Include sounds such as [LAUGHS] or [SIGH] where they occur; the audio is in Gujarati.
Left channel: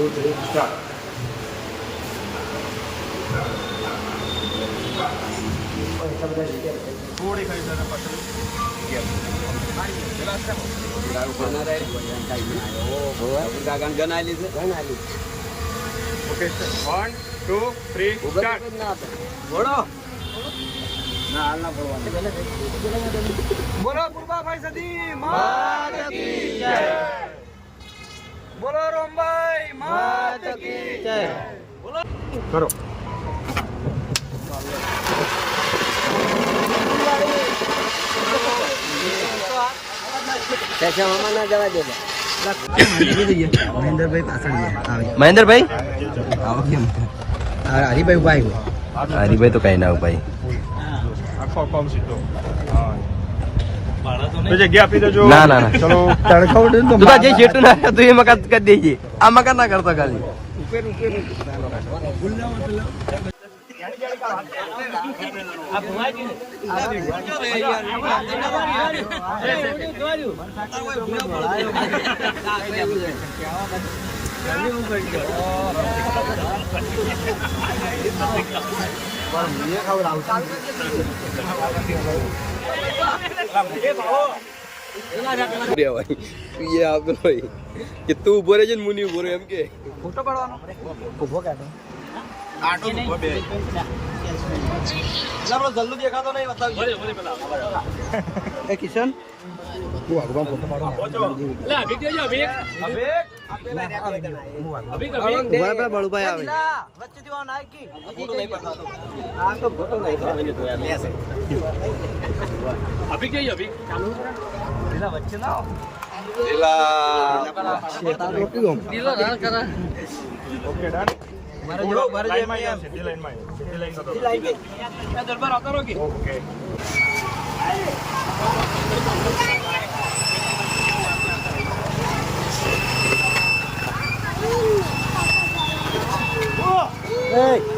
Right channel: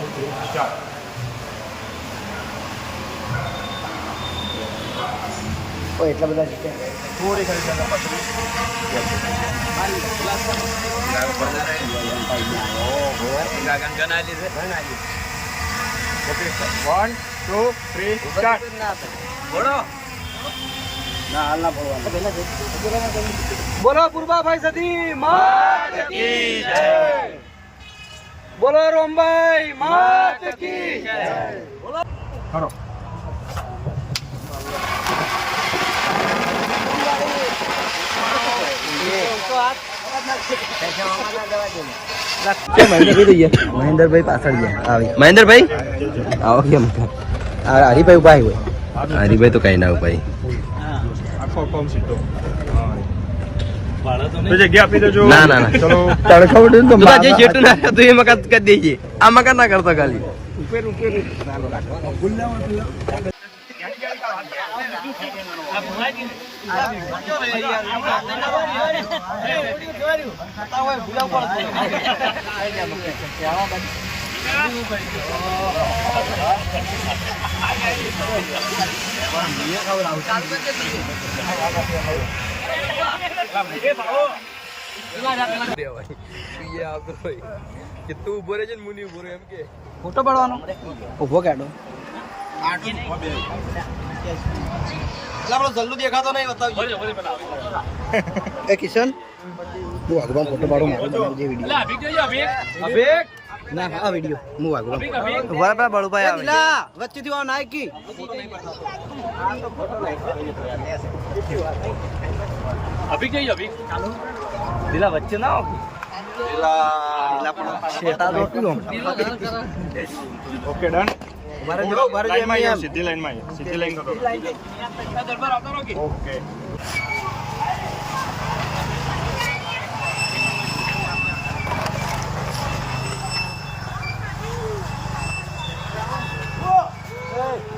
ટુ થ્રી સ્ટાર્ટ એટલા બધા થોડી ઘણી ગાગન ગનાલી છે okay one two three start બોલો ના હાલ ના પડવાનું બોલો પૂર્વાભાઈ સતી માત કી જય. બોલો રોમભાઈ માત કી જય. કરો. મહેન્દ્રભાઈ પાછળ ગયા. આવે. મહેન્દ્રભાઈ? આવો. કેમ? હરિભાઈ ઊભા હોય હરીભાઈ તો કઈ ના ભાઈ આખો કોમ ના, ના, ના. તો બધા જે જેટલું ના હતું એ મકાન કરી દેજે. આ મકાન ના કરતો ખાલી. [LAUGHS] [LAUGHS] કે તું ઊભો રહેજે ને મુની ઊભો એમ કે. ફોટો પાડવાનો. ઊભો કાઢો જલ્દી દેખાતો નહીં એ કિશન? તું આગળ ફોટો પાડો ના. આ વીડિયો. હું આગળ ઊભા પેલા બળુભાઈ આવે. વચ્ચેથી આવ નાયકી. શેતા તો ઓકે ડન. સીધી લાઈનમાં સીધી લાઈન દરબાર આવતા રહો કે? ઓકે. Hey!